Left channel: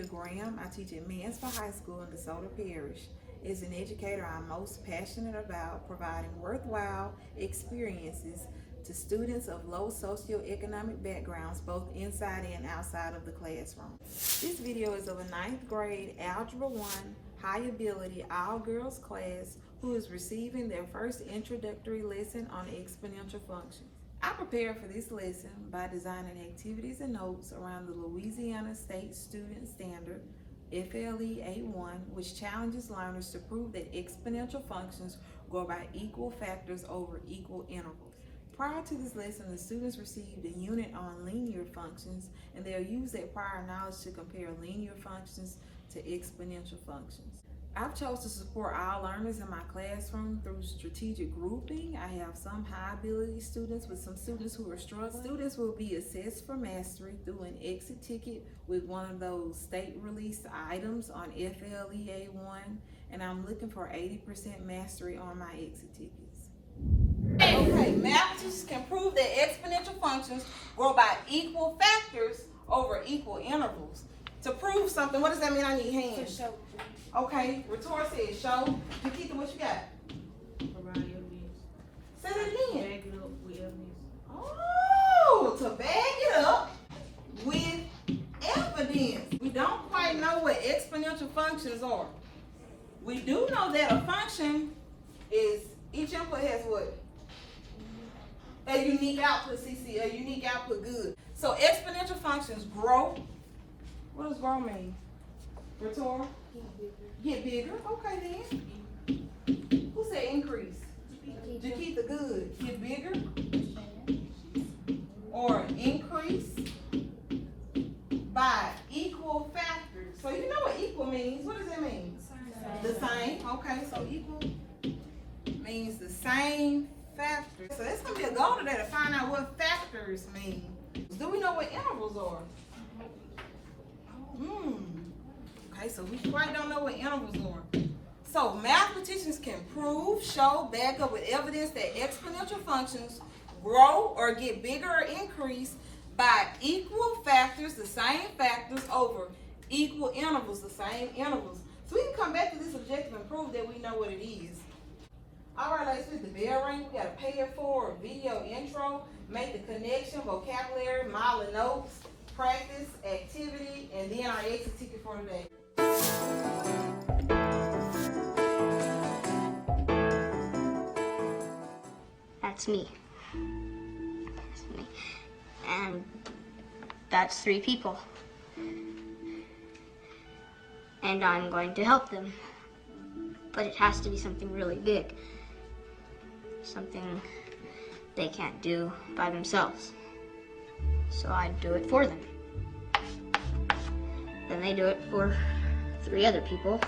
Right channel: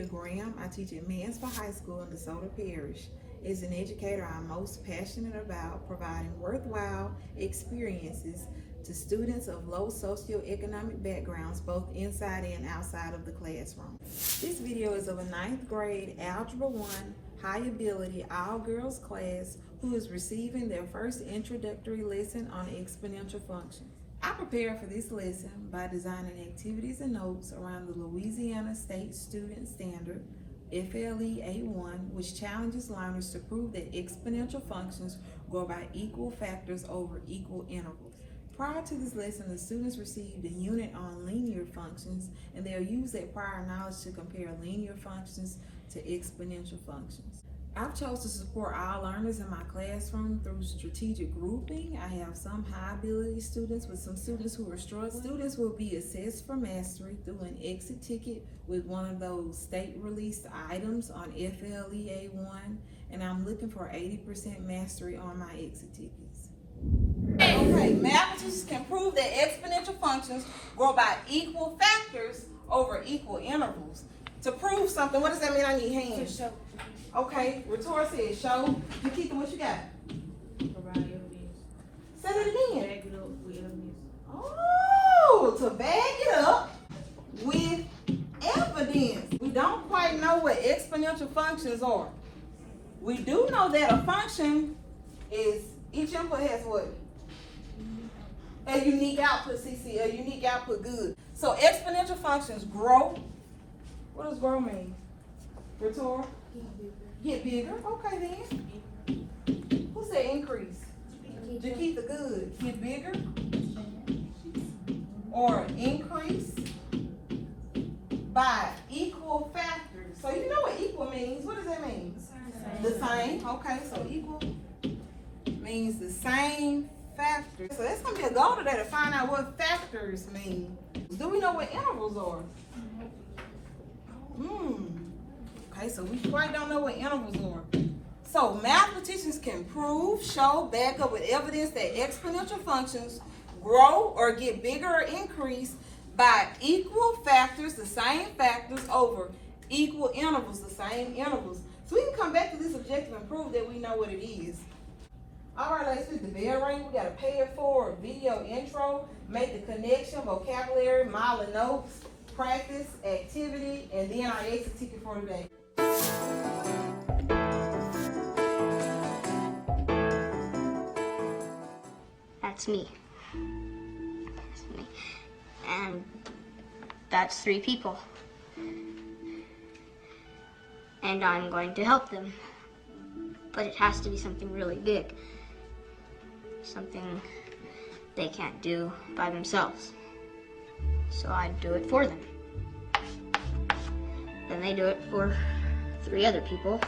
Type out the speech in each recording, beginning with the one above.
Nakia Graham. I teach at Mansfield High School in Desoto Parish. As an educator, I'm most passionate about providing worthwhile experiences to students of low socioeconomic backgrounds, both inside and outside of the classroom. This video is of a 9th grade Algebra 1 High Ability All-Girls class who is receiving their first introductory lesson on exponential functions. I prepared for this lesson by designing activities and notes around the Louisiana State Student Standard, FLE A1, which challenges learners to prove that exponential functions grow by equal factors over equal intervals. Prior to this lesson, the students received a unit on linear functions, and they'll use that prior knowledge to compare linear functions to exponential functions. I've chosen to support all learners in my classroom through strategic grouping. I have some high ability students with some students who are struggling. Students will be assessed for mastery through an exit ticket with one of those state released items on FLE A1, and I'm looking for 80% mastery on my exit tickets. Okay, mathematicians can prove that exponential functions grow by equal factors over equal intervals. To prove something, what does that mean? I need hands. Okay, Rhetor says show. Nakia, what you got? Provide evidence. Say that again. Back it up with evidence. Oh, to back it up with evidence. We don't quite know what exponential functions are. We do know that a function is, each input has what? A unique output, CC, a unique output, good. So exponential functions grow. What does grow mean? Rhetor? Get bigger. Okay then. Who said increase? Jakeetha, good. Get bigger or increase by equal factors. So you know what equal means. What does that mean? The same. Okay, so equal means the same factors. So that's going to be a goal today to find out what factors mean. Do we know what intervals are? Okay, so we quite don't know what intervals are. So mathematicians can prove, show, back up with evidence that exponential functions grow or get bigger or increase by equal factors, the same factors, over equal intervals, the same intervals. So we can come back to this objective and prove that we know what it is. All right, let's hit the bell ring. We got to pay it forward, video intro, make the connection, vocabulary, model and notes, practice, activity, and then our exit ticket for today. That's me. That's me. And that's 3 people. And I'm going to help them. But it has to be something really big. Something they can't do by themselves. So I do it for them. Then they do it for 3 other people.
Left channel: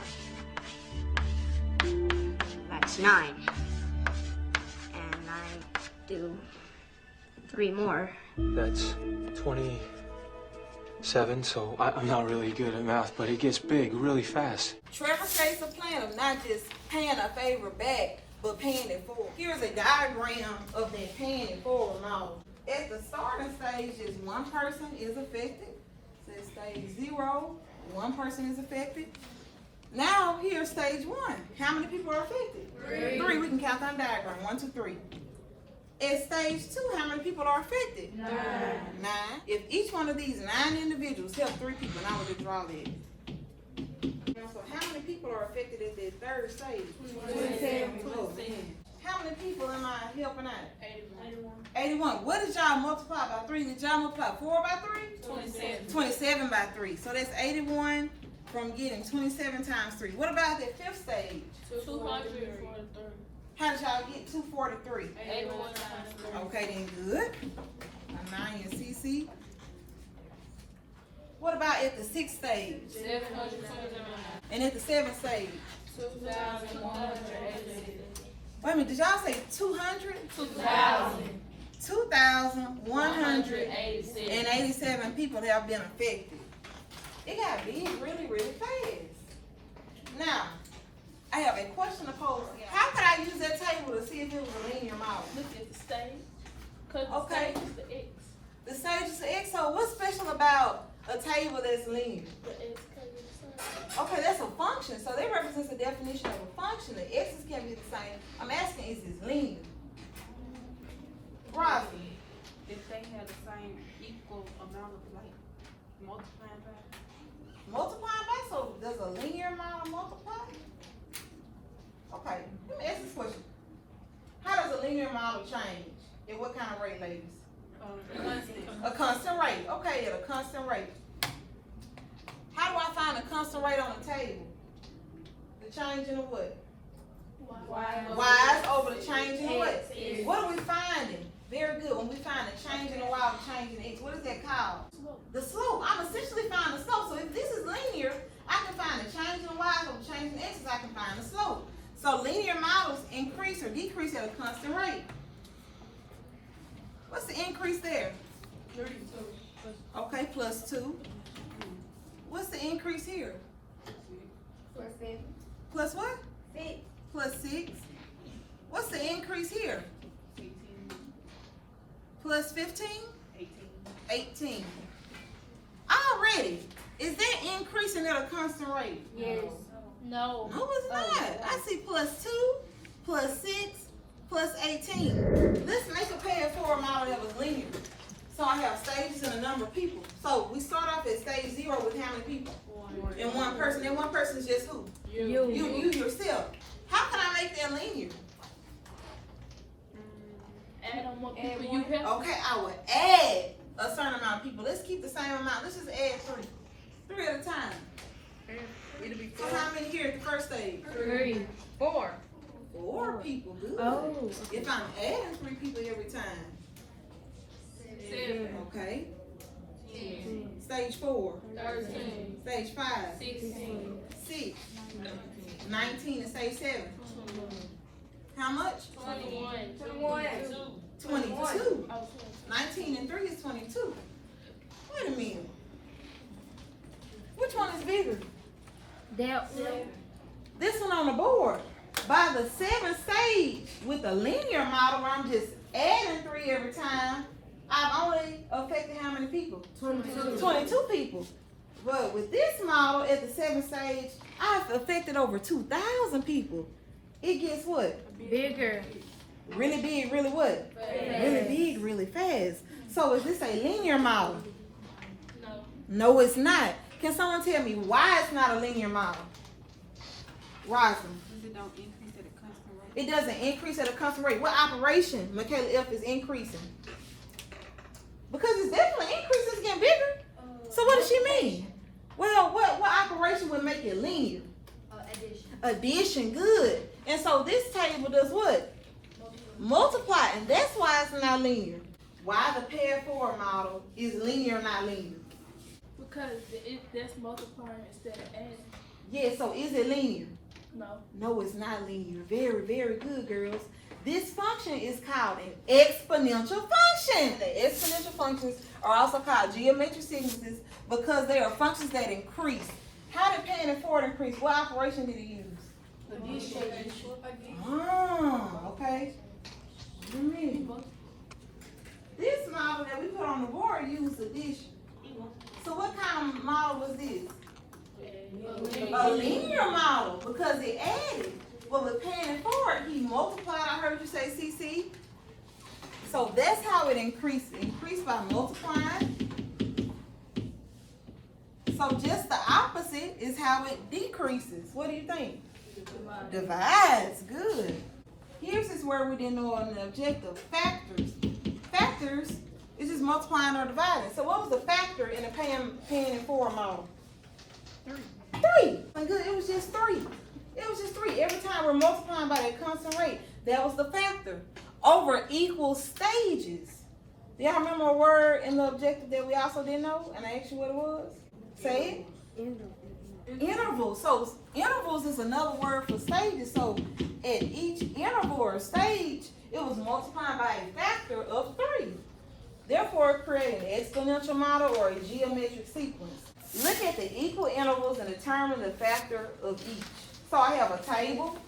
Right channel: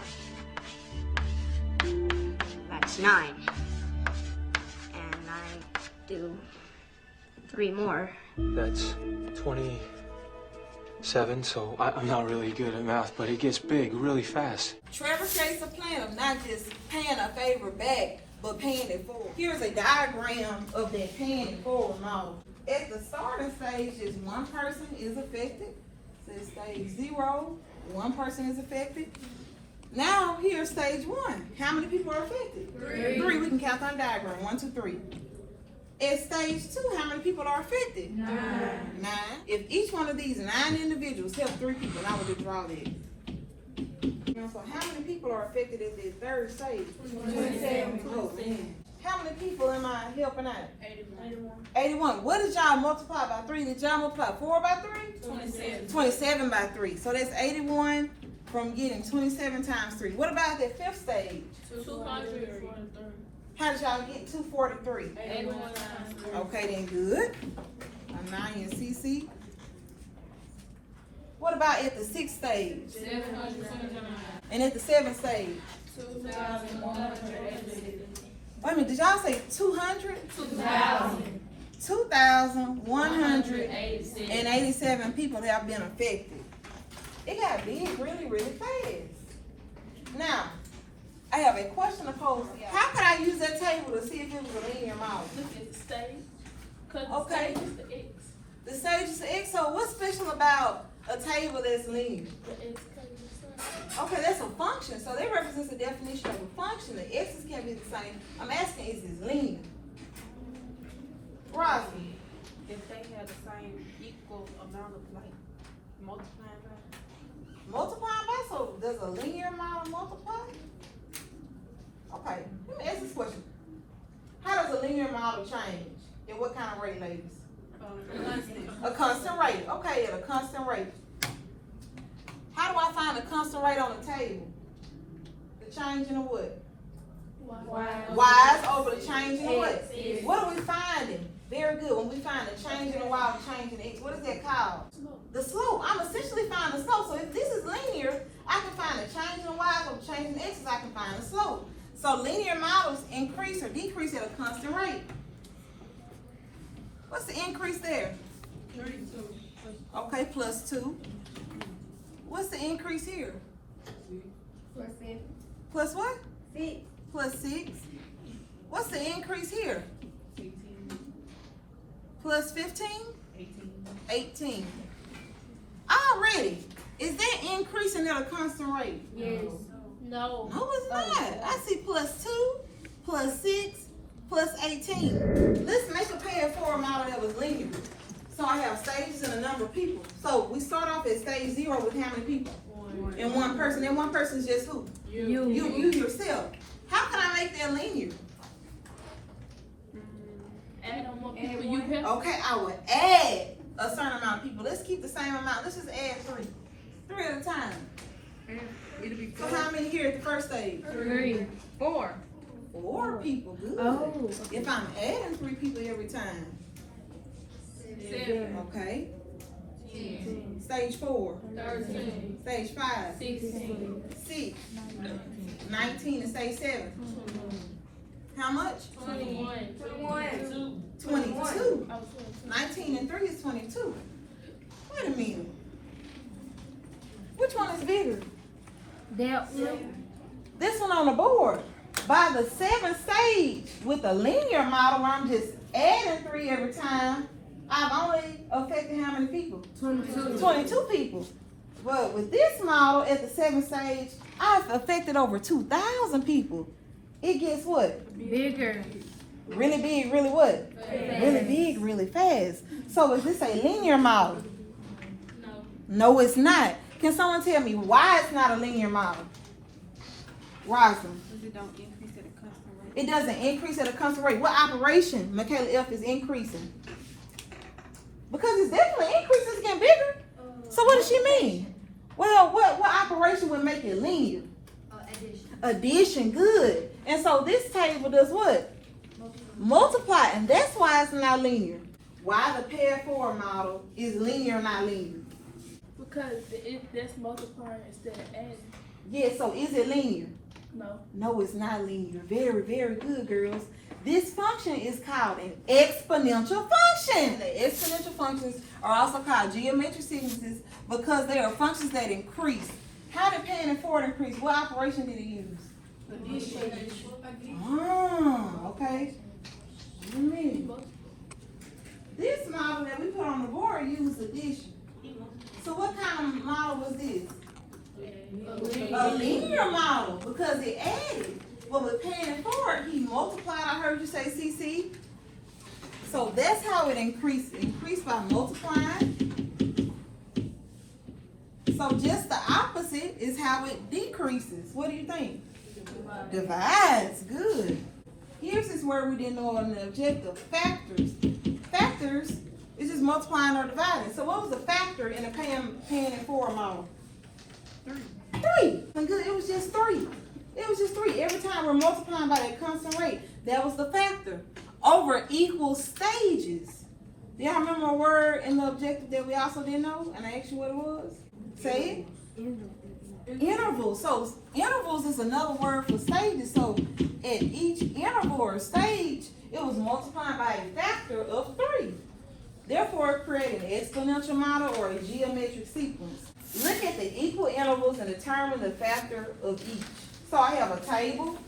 That's 9. And I do 3 more. That's 27, so I'm not really good at math, but it gets big really fast. Trevor creates a plan of not just paying a favor back, but paying it forward. Here's a diagram of that paying it forward model. At the starting stage, just 1 person is affected. So stage 0, 1 person is affected. Now here's stage 1. How many people are affected? 3. We can count on the diagram. 1, 2, 3. At stage 2, how many people are affected? 9. If each one of these 9 individuals help 3 people, now we can draw that. So how many people are affected at the 3rd stage? 27. Oh, man. How many people am I helping out? 81. What did y'all multiply by 3? Did y'all multiply 4 by 3? 27. 27 by 3. So that's 81 from getting 27 times 3. What about that 5th stage? 243. How did y'all get 243? 81 times 3. Okay, then good. Now in CC. What about at the 6th stage? 779. And at the 7th stage? 2,186. Wait a minute, did y'all say 200? 2,000. 2,187 people that have been affected. It got big really, really fast. Now, I have a question to pose. How could I use that table to see if it was a linear model? Look at the stage. Okay. The stage is the X. The stage is the X, so what's special about a table that's linear? The X Okay, that's a function. So that represents the definition of a function. The x's can be the same. I'm asking, is this linear? Right. If they have the same equal amount of like multiplying by. Multiplying by, so does a linear model multiply? Okay, let me ask this question. How does a linear model change? At what kind of rate, ladies? A constant rate. Okay, at a constant rate. How do I find a constant rate on the table? The change in the what? Y's over the change in the what? What are we finding? Very good. When we find a change in the y or change in x, what is that called? The slope. I'm essentially finding the slope. So if this is linear, I can find a change in y over change in x, I can find the slope. So linear models increase or decrease at a constant rate. What's the increase there? 32. Okay, plus 2. What's the increase here? Plus what? 6. Plus 6. What's the increase here? Plus 15? 18. Already. Is that increasing at a constant rate? Yes. No. No, it's not. I see plus 2, plus 6, plus 18. Let's make a pay it forward model that was linear. So I have stages and a number of people. So we start off at stage 0 with how many people? And one person. And one person is just who? You yourself. How can I make that linear? Add on more people you have. Okay, I would add a certain amount of people. Let's keep the same amount. Let's just add 3. 3 at a time. It'll be So how many here at the first stage? 3. 4. 4 people. Good. Oh. If I'm adding 3 people every time. 7. Okay. 10. Stage 4. 13. Stage 5. 16. 6. 19 and stage 7. How much? 21. 22. 19 and 3 is 22. Wait a minute. Which one is bigger? This one on the board. By the 7th stage, with a linear model where I'm just adding 3 every time, I've only affected how many people? 22 people. But with this model at the 7th stage, I've affected over 2,000 people. It gets what? Bigger. Really big, really what? Really big, really fast. So is this a linear model? No, it's not. Can someone tell me why it's not a linear model? Why is it? It don't increase at a constant rate. It doesn't increase at a constant rate. What operation, Michaela F, is increasing? Because it's definitely increasing, it's getting bigger. So what does she mean? Well, what operation would make it linear? Addition, good. And so this table does what? Multiply, and that's why it's not linear. Why the pair forward model is linear or not linear? Because that's multiplying instead of adding. Yeah, so is it linear? No. No, it's not linear. Very, very good, girls. This function is called an exponential function. The exponential functions are also called geometric sequences because they are functions that increase. How did paying it forward increase? What operation did it use? Okay. Wait a minute. This model that we put on the board used addition. So what kind of model was this? A linear model because it added. Well, with paying it forward, he multiplied. I heard you say CC. So that's how it increased. It increased by multiplying. So just the opposite is how it decreases. What do you think? Divides. Good. Here's this word we didn't know on the objective. Factors. Factors is just multiplying or dividing. So what was the factor in a paying it forward model? 3. Good. It was just 3. It was just 3. Every time we're multiplying by that constant rate, that was the factor. Over equal stages. Do y'all remember a word in the objective that we also didn't know? And I asked you what it was? Say it. Intervals. So intervals is another word for stages. So at each interval or stage, it was multiplying by a factor of 3. Therefore, it created an exponential model or a geometric sequence. Look at the equal intervals and determine the factor of each. So I have a table,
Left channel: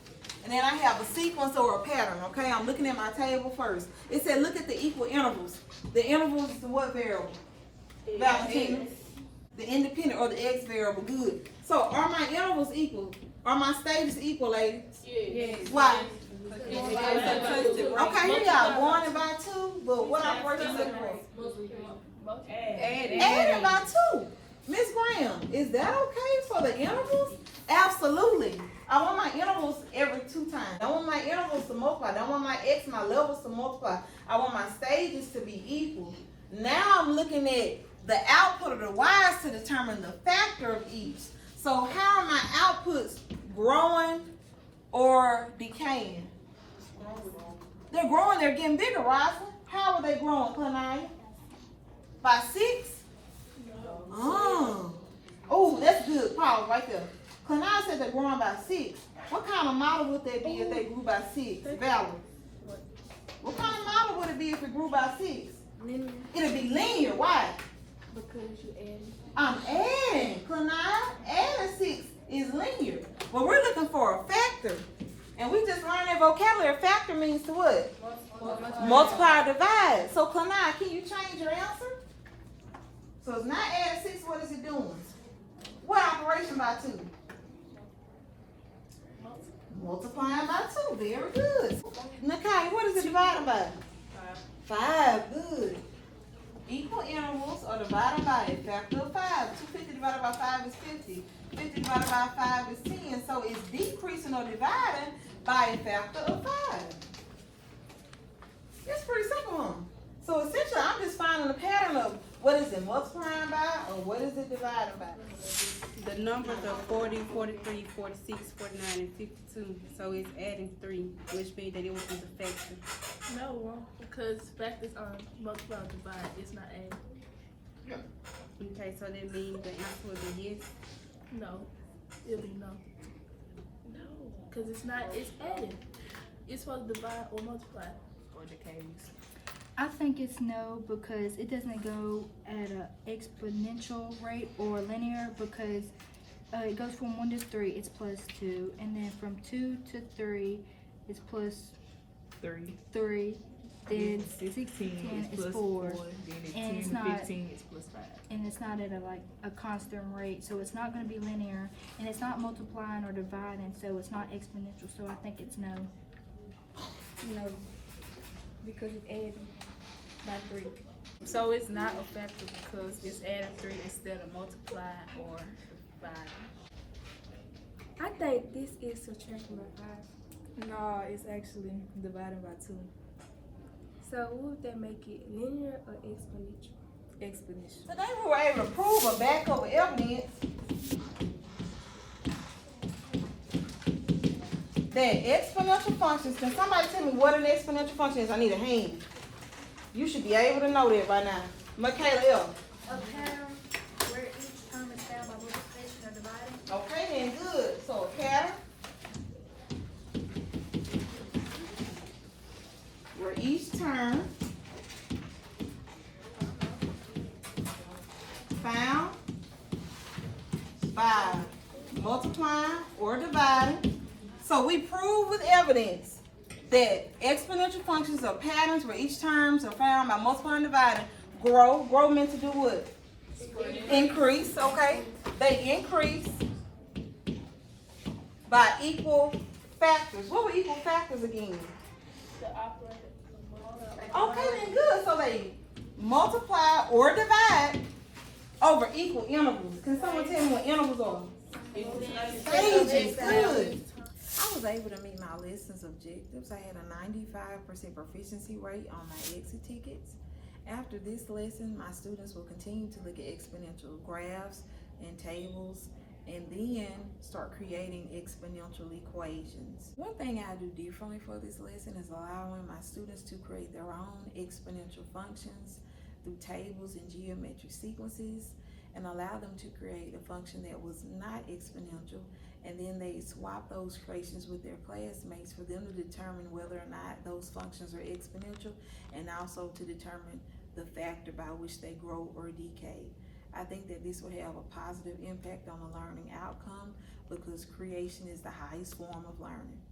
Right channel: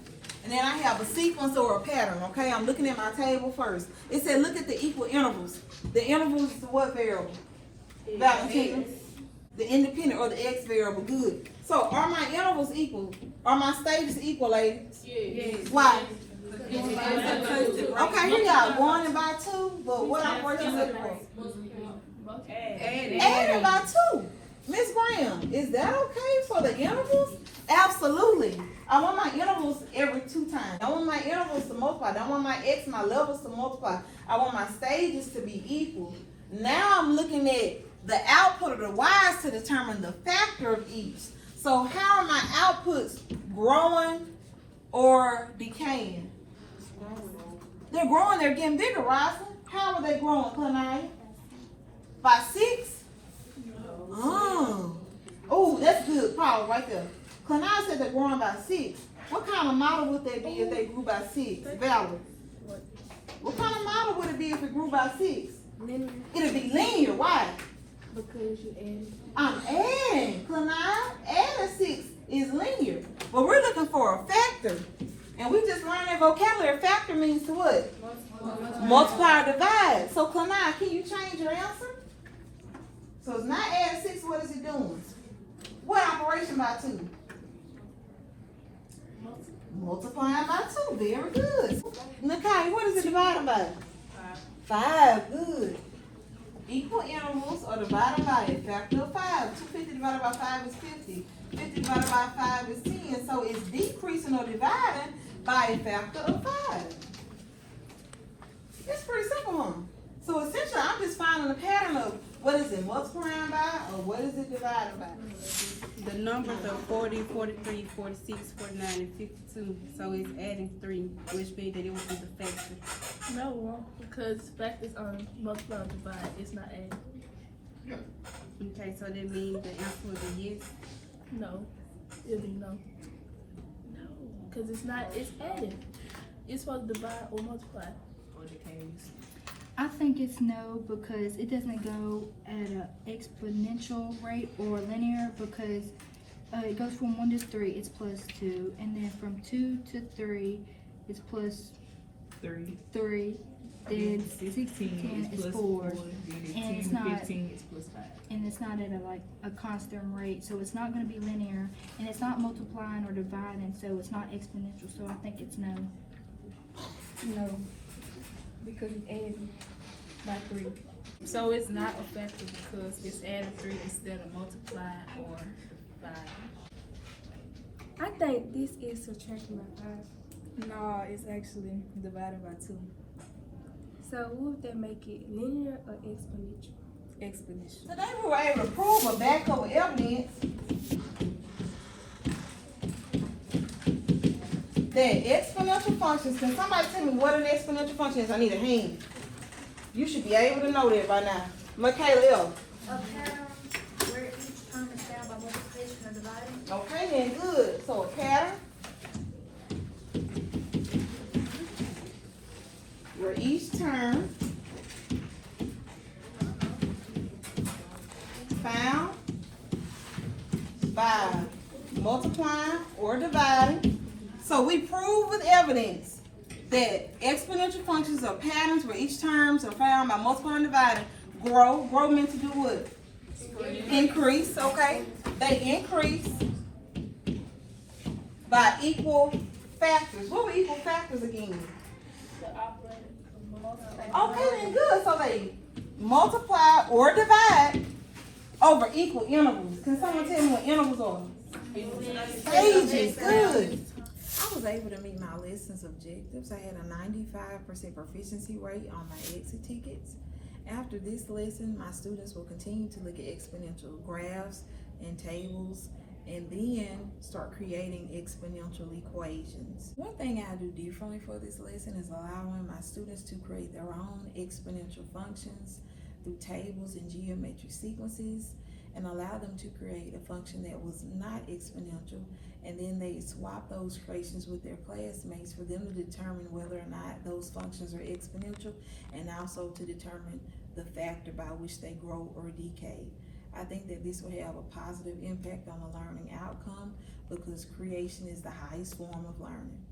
and then I have a sequence or a pattern, okay? I'm looking at my table first. It said look at the equal intervals. The intervals is what variable? Valentina. The independent or the X variable, good. So are my intervals equal? Are my stages equal, ladies? Yes. Why? Okay, here y'all going by 2, but what I'm working with for? Adding by 2. Miss Graham, is that okay for the intervals? Absolutely. I want my intervals every 2 times. I want my intervals to multiply. I want my X, my levels to multiply. I want my stages to be equal. Now I'm looking at the output of the Y's to determine the factor of each. So how are my outputs growing or decaying? They're growing, they're getting bigger, Roslyn. How are they growing, Clanaya? By 6? Oh, that's good. Pause right there. Clanaya said they're growing by 6. What kind of model would that be if they grew by 6? Valerie. What kind of model would it be if it grew by 6? Linear. It'll be linear. Why? Because you added. I'm adding. Clanaya, adding 6 is linear. But we're looking for a factor. And we just learned that vocabulary. Factor means to what? Multiply or divide. So Clanaya, can you change your answer? So it's not add 6, what is it doing? What operation by 2? Multiplying by 2, very good. Nakia, what is it divided by? 5, good. Equal intervals are divided by a factor of 5. 250 divided by 5 is 50. 50 divided by 5 is 10. So it's decreasing or dividing by a factor of 5. It's pretty simple, huh? So essentially, I'm just finding a pattern of what is it multiplying by or what is it dividing by? The numbers are 40, 43, 46, 49, and 52. So it's adding 3, which means that it would be the factor. No, because factors are multiply and divide. It's not adding. Okay, so that means the answer would be yes. No, it'll be no. No, because it's not. It's adding. It's supposed to divide or multiply. Or decays. I think it's no because it doesn't go at an exponential rate or linear because it goes from 1 to 3, it's plus 2, and then from 2 to 3, it's plus 3. Then 6 to 10 is 4, and it's not 15 is plus 5. And it's not at a constant rate, so it's not going to be linear, and it's not multiplying or dividing, so it's not exponential. So I think it's no. No, because it's adding by 3. So it's not a factor because it's adding 3 instead of multiplying or dividing. I think this is subtraction by 5. No, it's actually dividing by 2. So would that make it linear or exponential? Exponential. Today we were able to prove or back over evidence that exponential functions, can somebody tell me what an exponential function is? I need a hand. You should be able to know that by now. Michaela. A pattern where each term is found by multiplication or dividing. Okay, then good. So a pattern where each term found by multiplying or dividing. So we prove with evidence that exponential functions are patterns where each terms are found by multiplying and dividing. Grow meant to do what? Increase, okay? They increase by equal factors. What were equal factors again? Okay, then good. So they multiply or divide over equal intervals. Can someone tell me what intervals are? Stages, good. I was able to meet my lessons objectives. I had a 95% proficiency rate on my exit tickets. After this lesson, my students will continue to look at exponential graphs and tables and then start creating exponential equations. One thing I do differently for this lesson is allowing my students to create their own exponential functions through tables and geometric sequences, and allow them to create a function that was not exponential, and then they swap those creations with their classmates for them to determine whether or not those functions are exponential, and also to determine the factor by which they grow or decay. I think that this will have a positive impact on the learning outcome because creation is the highest form of learning.